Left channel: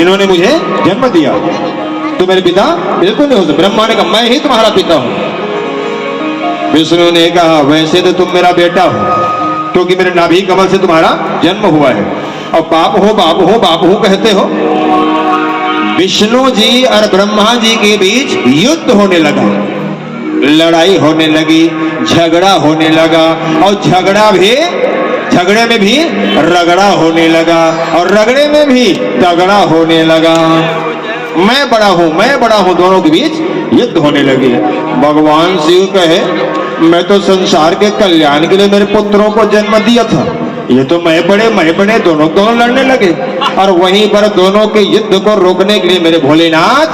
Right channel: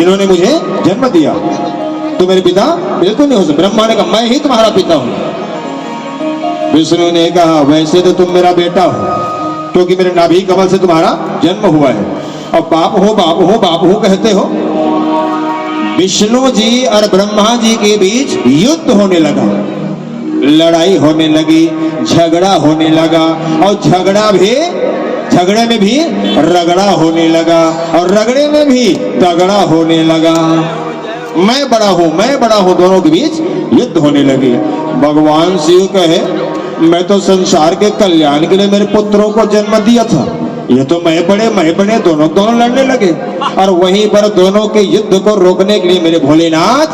जिन्होंने मुझे जन्म दिया। तो मेरे पिता बिल्कुल नहीं हो सकते। ब्रह्मा ने कहा मैं ही तुम्हारा पिता हूं। विष्णु ने कहा वैसे तो तुम मेरा बेटा हो, क्योंकि मेरे नाभि कमल से तुम्हारा जन्म हुआ है। अब बाप हो बाप हो बाप हो कहते हो। विष्णु जी और ब्रह्मा जी के बीच युद्ध होने लगा, लड़ाई होने लगी, झगड़ा होने लगा, और झगड़े में भी रगड़ा होने लगा, और रगड़े में भी तगड़ा होने लगा। मैं बड़ा हूं, दोनों के बीच युद्ध होने लगी। भगवान शिव कहे मैं तो संसार के कल्याण के लिए मेरे पुत्रों को जन्म दिया था, ये तो मैं बड़े दोनों लड़ने लगे। और वहीं पर दोनों के युद्ध को रोकने के लिए मेरे भोलेनाथ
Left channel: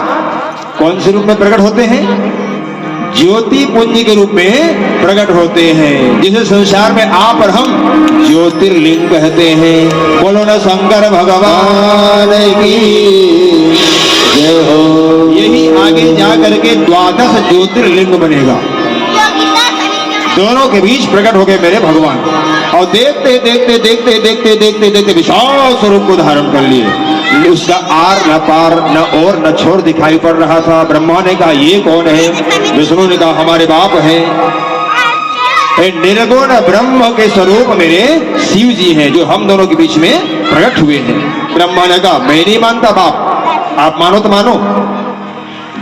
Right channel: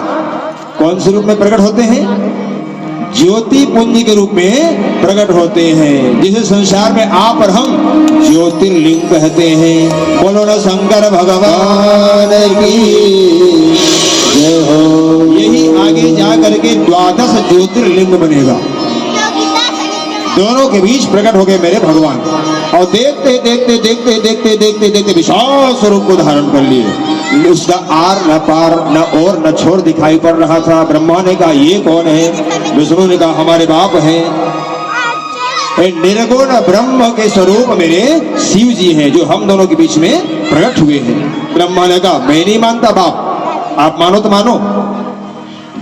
कौन से रूप में प्रकट होते हैं? ज्योति पुंज के रूप में प्रकट होते हैं, जिसे संसार में आप और हम ज्योतिर्लिंग कहते हैं। बोलो ना शंकर भगवान की जय हो। यही आगे जा करके 12 ज्योतिर्लिंग बनेगा। दोनों के बीच प्रकट हो गए मेरे भगवान, और देखते विशाल स्वरूप को धारण कर लिए। उसका आर न पार न और न छोर दिखाई पड़ रहा था। ब्रह्मा ने कहा ये कौन है? विष्णु ने कहा हमारे बाप है। निर्गुण ब्रह्म के स्वरूप मेरे शिव जी हैं, जो हम दोनों के बीच में प्रकट हुए हैं। ब्रह्मा ने कहा मैं नहीं मानता बाप, आप मानो तो मानो।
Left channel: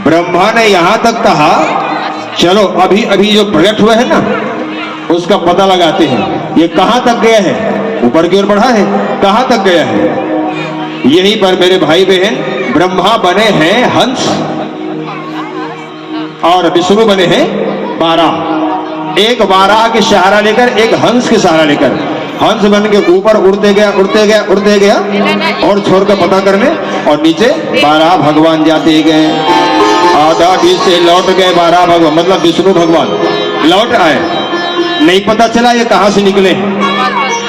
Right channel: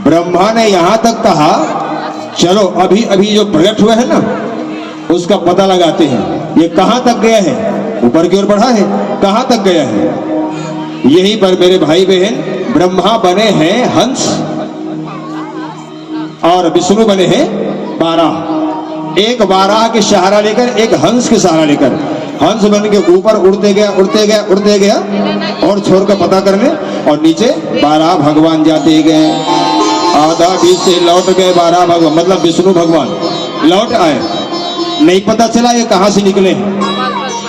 ब्रह्मा ने यहां तक कहा चलो अभी जो प्रकट हुआ है ना उसका पता लगाते हैं, ये कहां तक गया है? ऊपर की ओर बढ़ा है, कहां तक गया है? यहीं पर मेरे भाई बहन ब्रह्मा बने हैं हंस, और विष्णु बने हैं बारह। एक बारह के सहारा लेकर, एक हंस के सहारा लेकर, हंस बन के ऊपर उड़ते गया और छोर का पता करने, और नीचे 12 भगवान जाते गए। आधा बीच से लौट गए 12 भगवान, मतलब विष्णु भगवान लौट आए, नहीं पता चला ये कहां से निकले,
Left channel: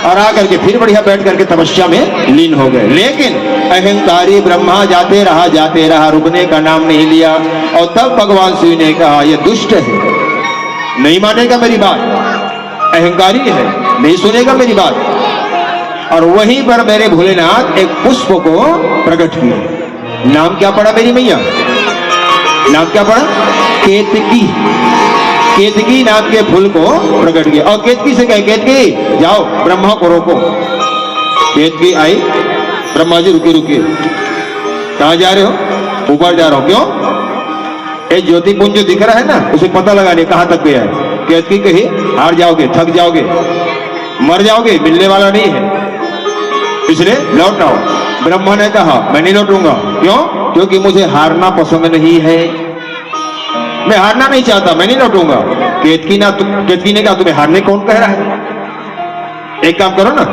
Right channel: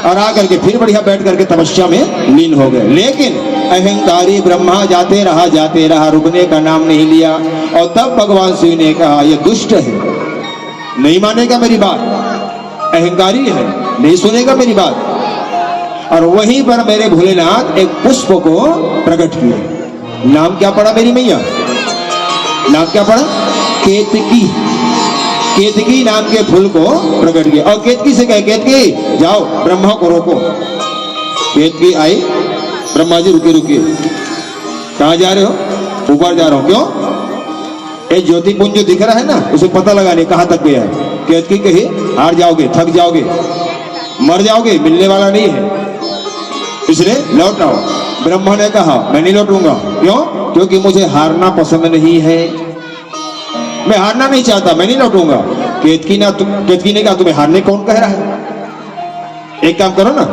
और आकर के फिर बढ़िया बैठ करके तपस्या में लीन हो गए। लेकिन अहंकारी ब्रह्मा जाते रहा, रुकने का नाम नहीं लिया। और तब भगवान शिव ने कहा ये दुष्ट है, नहीं मानेगा मेरी बात, अहंकारी है, नहीं सुनेगा मेरी बात। और वहीं पर मेरे भोलेनाथ एक पुष्प को प्रकट किए। नाम क्या पड़ा मेरी मैया? नाम क्या पड़ा? केतकी नाम के फूल को प्रकट किया। और केतकी से कहे केतकी जाओ ब्रह्मा को रोको। केतकी आई, ब्रह्मा जी रुकिए, कहां जा रहे हो? ऊपर जा रहा हूं। क्यों? ये ज्योतिपुंज जो दिख रहा है ना उसे पता लगाने कहां तक गया है। केतकी कही हार जाओगे, थक जाओगे, मर जाओगे, मिलने वाला नहीं है, इसलिए लौट आओ। ब्रह्मा ने कहा मैं नहीं लौटूंगा। क्यों? क्योंकि मुझे हारना पसंद नहीं है, मैं हारना नहीं चाहता, मैं नहीं लौटूंगा। केतकी ने कहा तुम्हें हारने कौन कह रहा है? एक काम करो ना,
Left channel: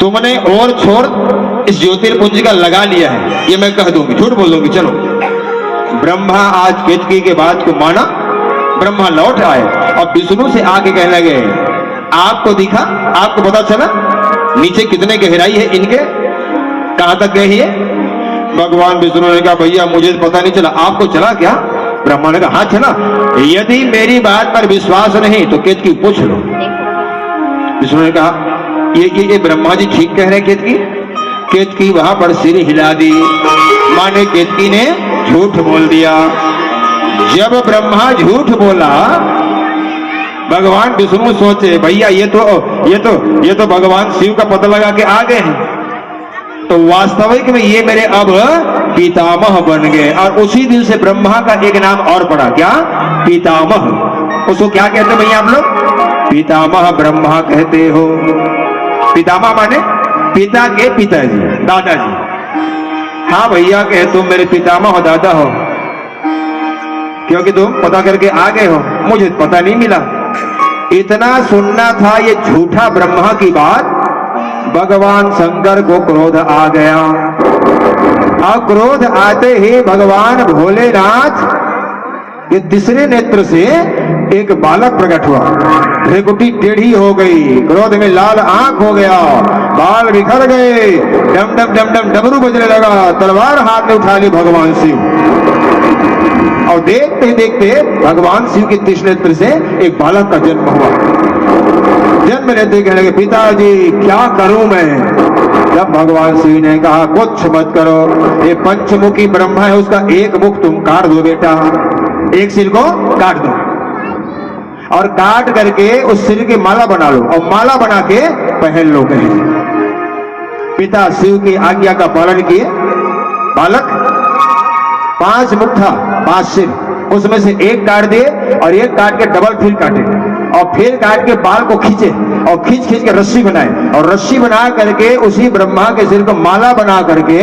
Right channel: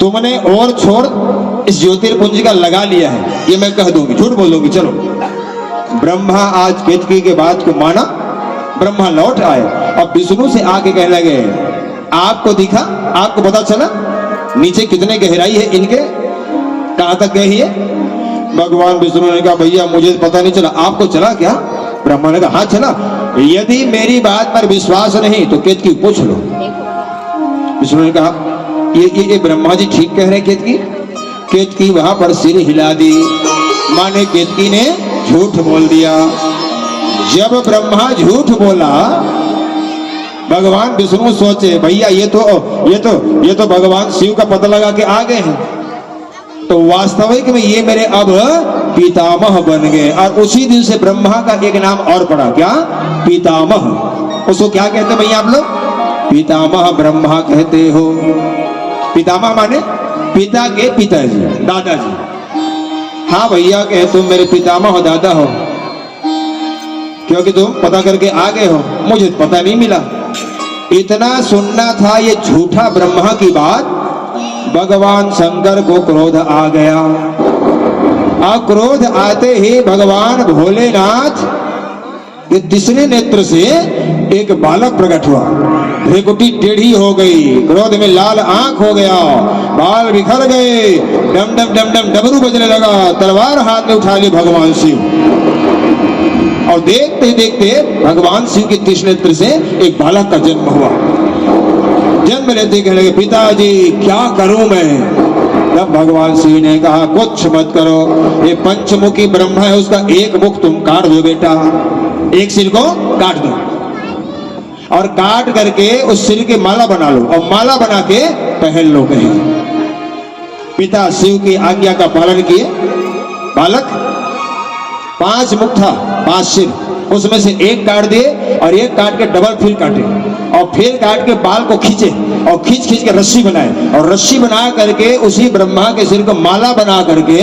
तुमने और छोर इस ज्योतिर्पुंज का लगा लिया है, ये मैं कह दूंगी, झूठ बोल दूंगी। चलो ब्रह्मा आज केतकी के बात को माना, ब्रह्मा लौट आए। अब विष्णु से आके कहने लगे आपको दिखा, आपको पता चला नीचे कितने गहराई है इनके, कहां तक गई है? भगवान विष्णु ने कहा भैया मुझे पता नहीं चला, आपको चला क्या? ब्रह्मा ने कहा हाँ चला। यदि मेरी बात पर विश्वास नहीं तो केतकी पूछ लो। विष्णु ने कहा ये ब्रह्मा जी ठीक कह रहे हैं। केतकी वहां पर सिर हिला दी, माने केतकी ने झूठ बोल दिया। जब ब्रह्मा झूठ बोला भगवान विष्णु सोचे भैया ये तो भगवान शिव का पता लगा के आ गए हैं, तो वास्तविक में ये मेरे अब पितामह बन गए। और उसी दिन से ब्रह्मा का एक नाम और पड़ा, क्या? पितामह। उसको क्या कहते भैया आप लोग? पितामह ब्रह्मा कहते हो। पितामह माने पिता के पिताजी, दादाजी। हाँ भैया कहे तुम मेरे पितामह हो, दादा हो, क्योंकि तुम पता करके आ गए हो, मुझे पता नहीं मिला। इतना सुनना था ये झूठा ब्रह्मा की बात। भगवान शंकर को क्रोध आ गया, और क्रोध आते ही भगवान भोलेनाथ ये तीसरे नेत्र से एक बालक प्रकट हुआ। भ्रिकुटी टेढ़ी हो गई, क्रोध में लाल आंख हो गया, बाल बिखर गए, डम डम डम डम डमरू बजने लगा। तलवार हाथ में उठा ली भगवान शिव, और देखते देखते भगवान शिव के तीसरे नेत्र से एक बालक का जन्म हुआ। जन्म लेते कहने लगे पिताजी क्या करूं मैं, जब भगवान शिव ने कहा कुछ मत करो, ये पंचमुखी ब्रह्मा है, उसका एक मुख तुम काट दो बेटा, एक सिर को काट दो और काट करके उस सिर की माला बना लो और माला बना के पहन लो। कहे पिता शिव की आज्ञा का पालन किए। बालक 5 मुख था, 5 सिर, उसमें से एक काट दिए और एक काट के डबल फिर काटे और फिर काट के बाल को खींचे और खींच खींच के रस्सी बनाए और रस्सी बना करके उसी ब्रह्मा के सिर को माला बना करके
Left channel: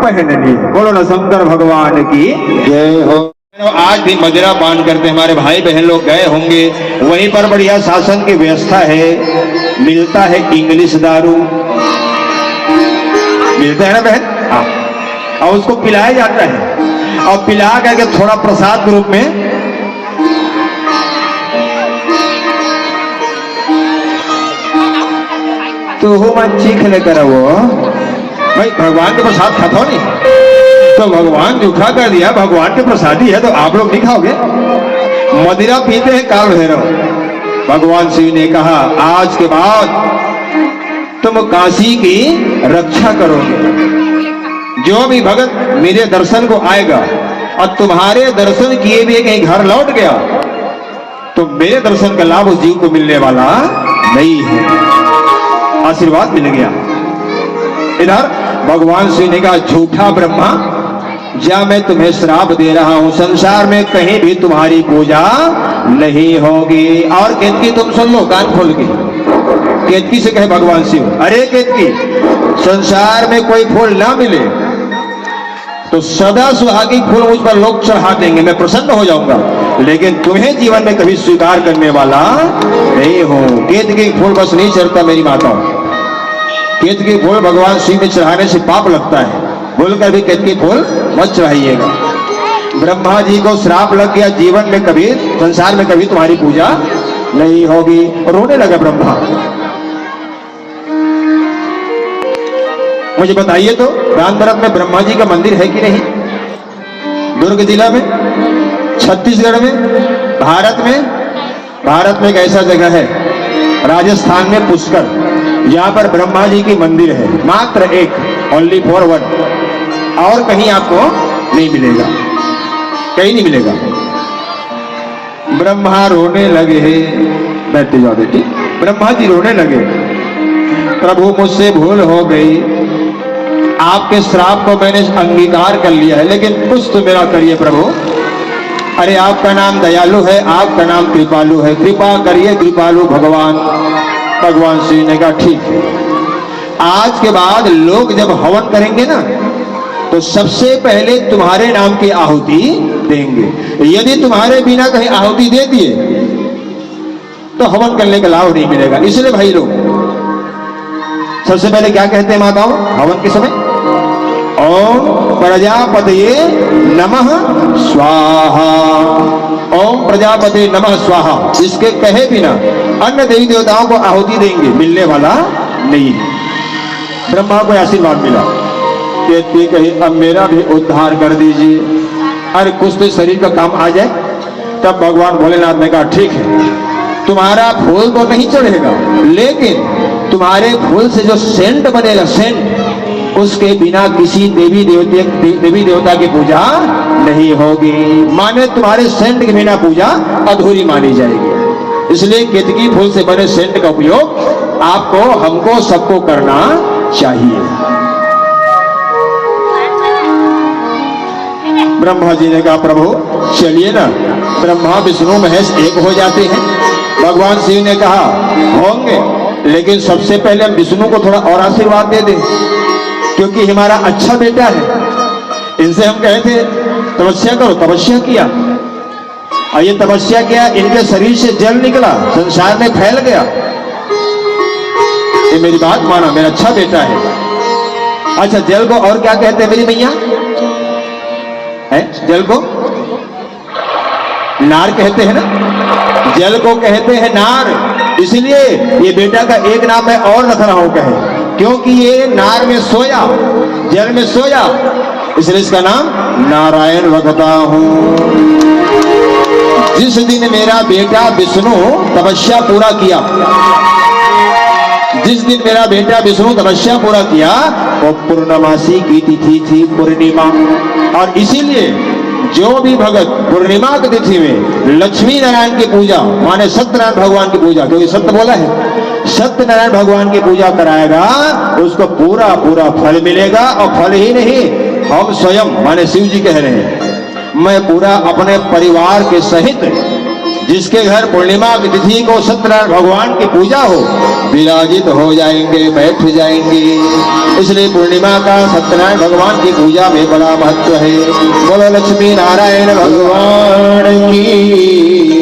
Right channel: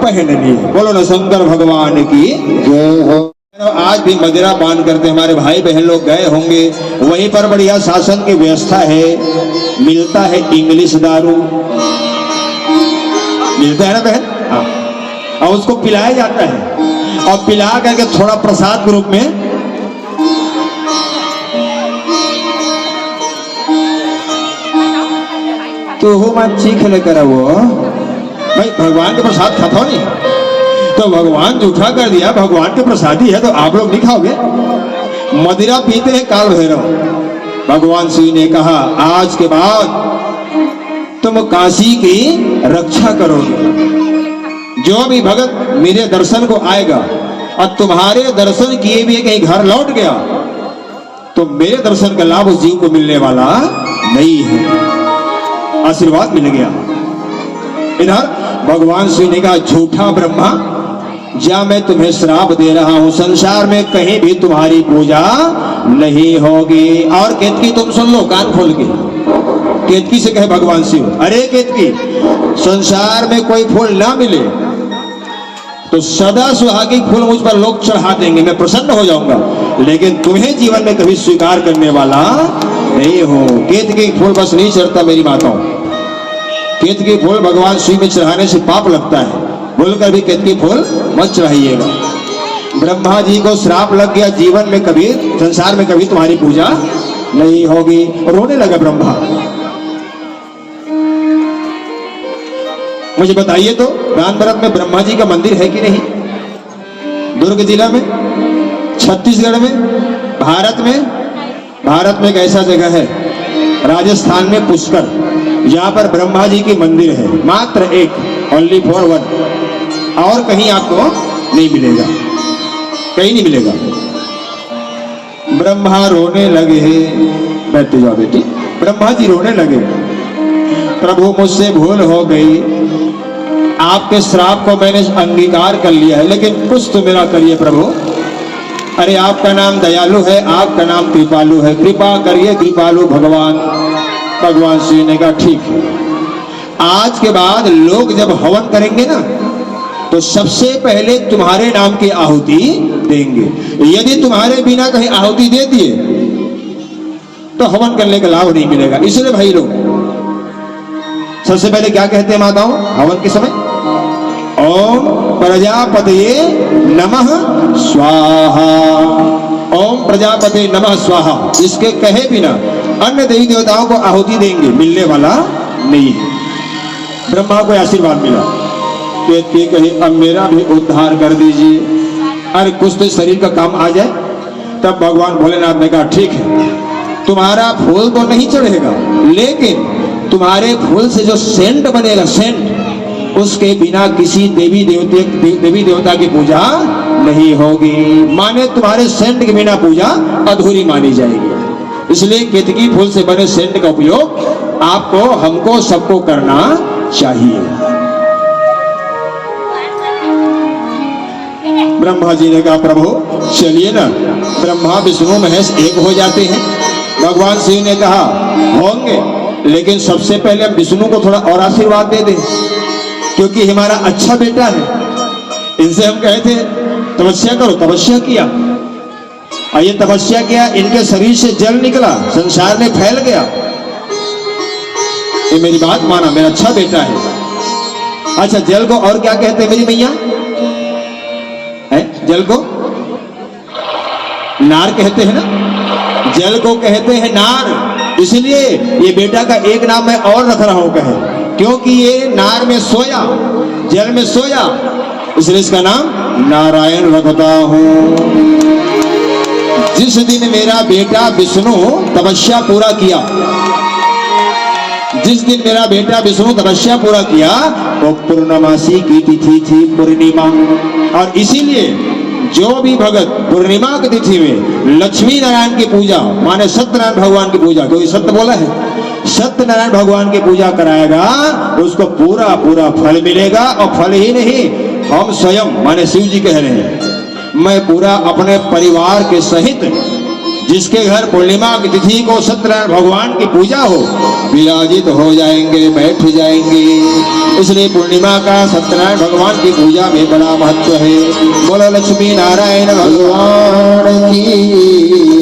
पहन लिए। बोलो ना शंकर भगवान की जय हो। आज भी मदिरा पान करते हमारे भाई बहन लोग गए होंगे, वहीं पर बढ़िया शासन की व्यवस्था है, मिलता है इंग्लिश दारू, मिलता है ना बहन, हाँ, और उसको पिलाया जाता है और पिला करके थोड़ा प्रसाद के रूप में तो हो मैं चीख लेकर वो भाई भगवान के प्रसाद खाता हो नहीं, तो भगवान जूठा कर दिया, भगवान के प्रसादी है तो आप लोग नहीं खाओगे। मदिरा पीते हैं काल भैरव। भगवान शिव ने कहा आज के बाद तुम काशी की रक्षा करोगे। जो भी भगत मेरे दर्शन को आएगा और तुम्हारे दर्शन किए भी कहीं घर लौट गया तो मेरे दर्शन का लाभ उस जीव को मिलने वाला नहीं है। आशीर्वाद मिल गया। इधर भगवान शिव ने कहा झूठा ब्रह्मा, जा मैं तुम्हें श्राप दे रहा हूं, संसार में कहीं भी तुम्हारी पूजा नहीं होगी। और केतकी तुम सुन लो कान खोल के, केतकी से कहे भगवान शिव, अरे केतकी, संसार में कोई फूल ना मिले तो सदा सुहागी फूल मुझ पर लोग चढ़ा देंगे, मैं प्रसन्न हो जाऊंगा, लेकिन तुम्हें जीवन में कभी स्वीकार करने वाला नहीं हो। केतकी फूल बस नहीं चढ़ता मेरी माता, केतकी फूल भगवान शिव में चढ़ाने से पाप लगता है, बोलकर भी केतकी फूल मत चढ़ाइएगा। ब्रह्मा जी को श्राप लग गया, जीवन में कभी संसार में कभी तुम्हारी पूजा नहीं होगी। रोने लगा ब्रह्मा। मुझे बताइए तो रामतरफ में ब्रह्मा जी का मंदिर है कि नहीं? दुर्ग जिला में, छत्तीसगढ़ में, भारत में एक ऐसा जगह है राजस्थान में पुष्कर, यहाँ पर ब्रह्मा जी की मंदिर है, मात्र एक, ओनली फॉर वन, और कहीं आपको नहीं मिलेगा, कहीं नहीं मिलेगा। ब्रह्मा रोने लगे, बैठते जाओ बेटी। ब्रह्मा जी रोने लगे, प्रभु मुझसे भूल हो गई, आपके श्राप को मैंने अंगीकार कर लिया है, लेकिन कुछ तो मेरा करिए प्रभु। अरे आपका नाम दयालु है, आपका नाम कृपालु है, कृपा करिए कृपालु भगवान। भगवान श्री ने कहा ठीक है, आज के बाद लोग जब हवन करेंगे ना तो सबसे पहले तुम्हारे नाम की आहुति देंगे। यदि तुम्हारे बिना कहीं आहुति दे दिए तो हवन करने का लाभ नहीं मिलेगा। इसलिए भाई लोग सबसे पहले क्या कहते हैं माताओं हवन के समय? ओम प्रजापतये नमः स्वाहा, ओम प्रजापति नमः स्वाहा। इसके कहे बिना अन्य देवी देवताओं को आहुति देंगे, मिलने वाला नहीं। ब्रह्मा को आशीर्वाद मिला, कहती कही अब मेरा भी उद्धार कर दीजिए, अरे कुछ तो शरीर का काम आ जाए। तब भगवान भोलेनाथ ने कहा ठीक है, तुम्हारा फूल तो नहीं चढ़ेगा, लेकिन तुम्हारे फूल से जो सेंट बनेगा, सेंट, उसके बिना किसी देवी देवता की पूजा नहीं होगी। माने तुम्हारे सेंट के बिना पूजा अधूरी मानी जाएगी। इसलिए केतकी फूल से बने सेंट का उपयोग आपको, हमको, सबको करना चाहिए। ब्रह्मा जी ने कहा प्रभु चलिए ना, ब्रह्मा विष्णु महेश एक हो जाते हैं। भगवान शिव ने कहा होंगे, लेकिन सबसे पहले हम विष्णु को थोड़ा और आशीर्वाद दे दें, क्योंकि हमारा अच्छा बेटा है। इनसे हम कहे थे तपस्या करो, तपस्या किया, और ये तपस्या किया, इनके शरीर से जल निकला, संसार में फैल गया। ये मेरी बात माना, मेरा अच्छा बेटा है। अच्छा जल को और क्या कहते हैं मेरी मैया? जल को नार कहते हैं ना, जल को कहते हैं नार। इसलिए ये बेटा का एक नाम मैं और रख रहा हूं, कहे क्योंकि ये नार में सोया, जल में सोया, इसलिए इसका नाम नारायण रखता हूं। जिस दिन मेरा बेटा विष्णु तपस्या पूरा किया, जिस दिन मेरा बेटा विष्णु तपस्या पूरा किया वो पूर्णमासी की तिथि थी, पूर्णिमा। और इसीलिए जो भी भगत पूर्णिमा की तिथि में लक्ष्मी नारायण की पूजा माने सत्यनारायण भगवान की पूजा, क्योंकि सत्य बोला है, सत्यनारायण भगवान की पूजा कराएगा उसको पूरा पूरा फल मिलेगा। और फल ही नहीं, हम स्वयं माने शिव जी कह रहे हैं, मैं पूरा अपने परिवार के सहित जिसके घर पूर्णिमा की तिथि को सत्यनारायण भगवान की पूजा हो विराजित हो जाएंगे, बैठ जाएंगे। इसलिए पूर्णिमा का सत्यनारायण भगवान की पूजा में बड़ा महत्व है। बोलो लक्ष्मी नारायण भगवान की